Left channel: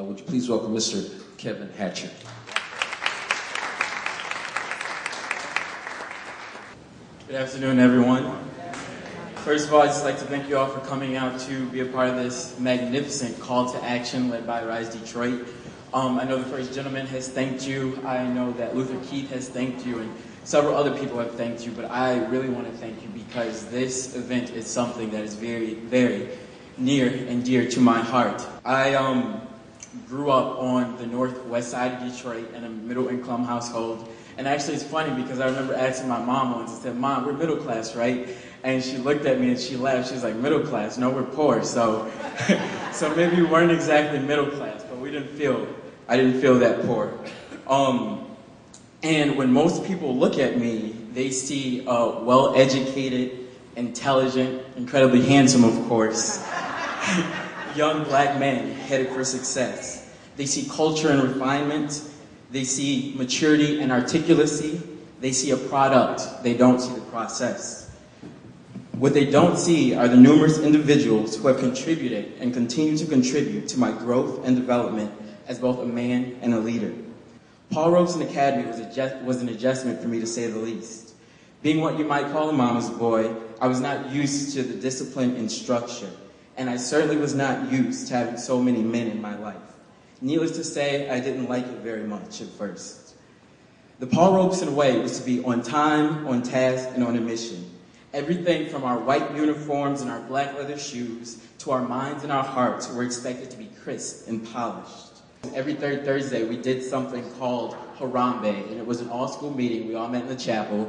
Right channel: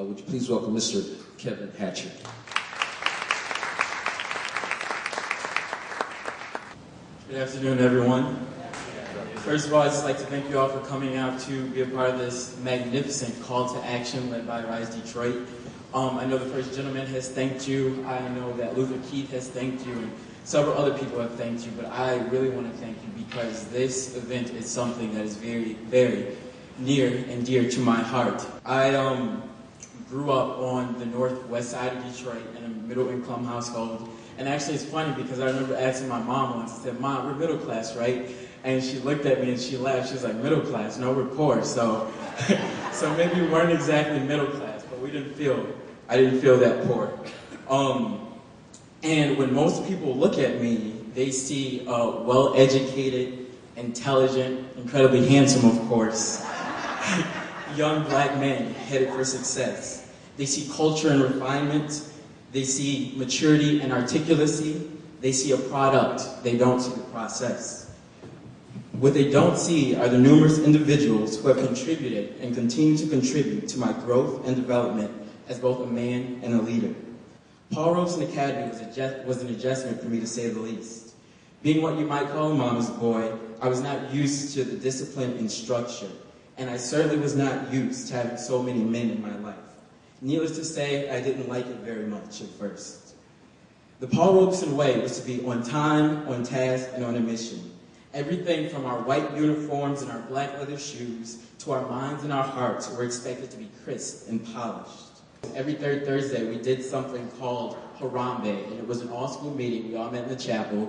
Would you please welcome Mr. Kevin Hatcher? Good afternoon, everyone. First of all, I'd just like to thank you all for coming out to be a part of this magnificent call to action led by Rise Detroit. I know the First Gentleman has thanked you. I know that Luther Keith has thanked you, and several other people have thanked you, but I really want to thank you because this event is something that is very, very near and dear to my heart. I grew up on the northwest side of Detroit in a middle-income household. And actually, it's funny because I remember asking my mom once, I said, "Mom, we're middle class, right?" And she looked at me and she laughed. She was like, "Middle class? No, we're poor." So, so maybe we weren't exactly middle class, but I didn't feel that poor. And when most people look at me, they see a well-educated, intelligent, incredibly handsome, of course, young black man headed for success. They see culture and refinement. They see maturity and articulacy. They see a product. They don't see the process. What they don't see are the numerous individuals who have contributed and continue to contribute to my growth and development as both a man and a leader. Paul Robeson Academy was an adjustment for me, to say the least. Being what you might call a mama's boy, I was not used to the discipline and structure, and I certainly was not used to having so many men in my life. Needless to say, I didn't like it very much at first. The Paul Robeson way was to be on time, on task, and on a mission. Everything from our white uniforms and our black leather shoes to our minds and our hearts were expected to be crisp and polished. Every third Thursday, we did something called Harambe, and it was an all-school meeting. We all met in the chapel,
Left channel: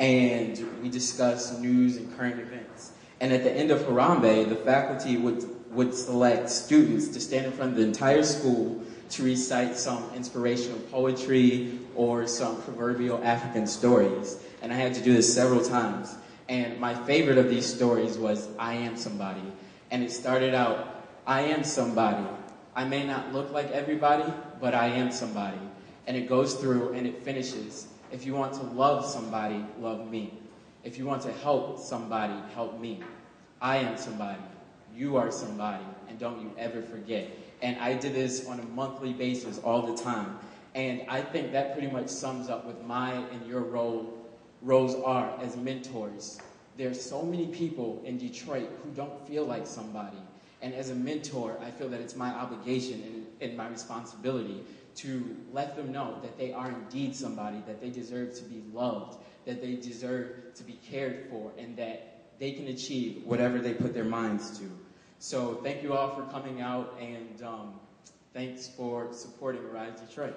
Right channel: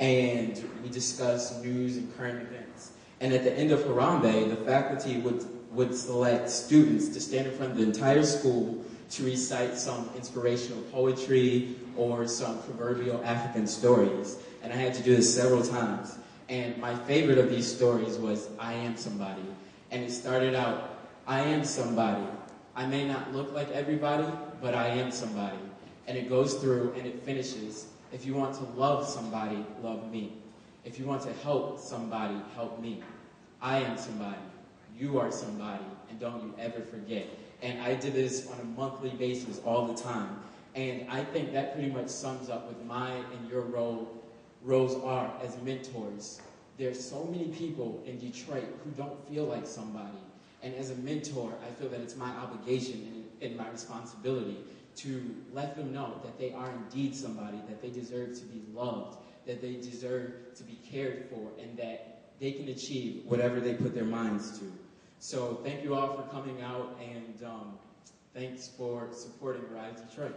and we discussed news and current events. And at the end of Harambe, the faculty would select students to stand in front of the entire school to recite some inspirational poetry or some proverbial African stories. And I had to do this several times. And my favorite of these stories was, "I am somebody." And it started out, "I am somebody. I may not look like everybody, but I am somebody." And it goes through and it finishes, "If you want to love somebody, love me. If you want to help somebody, help me. I am somebody. You are somebody, and don't you ever forget." And I did this on a monthly basis all the time. And I think that pretty much sums up what my and your roles are as mentors. There's so many people in Detroit who don't feel like somebody. And as a mentor, I feel that it's my obligation and my responsibility to let them know that they are indeed somebody, that they deserve to be loved, that they deserve to be cared for, and that they can achieve whatever they put their minds to. So thank you all for coming out, and thanks for supporting Rise Detroit.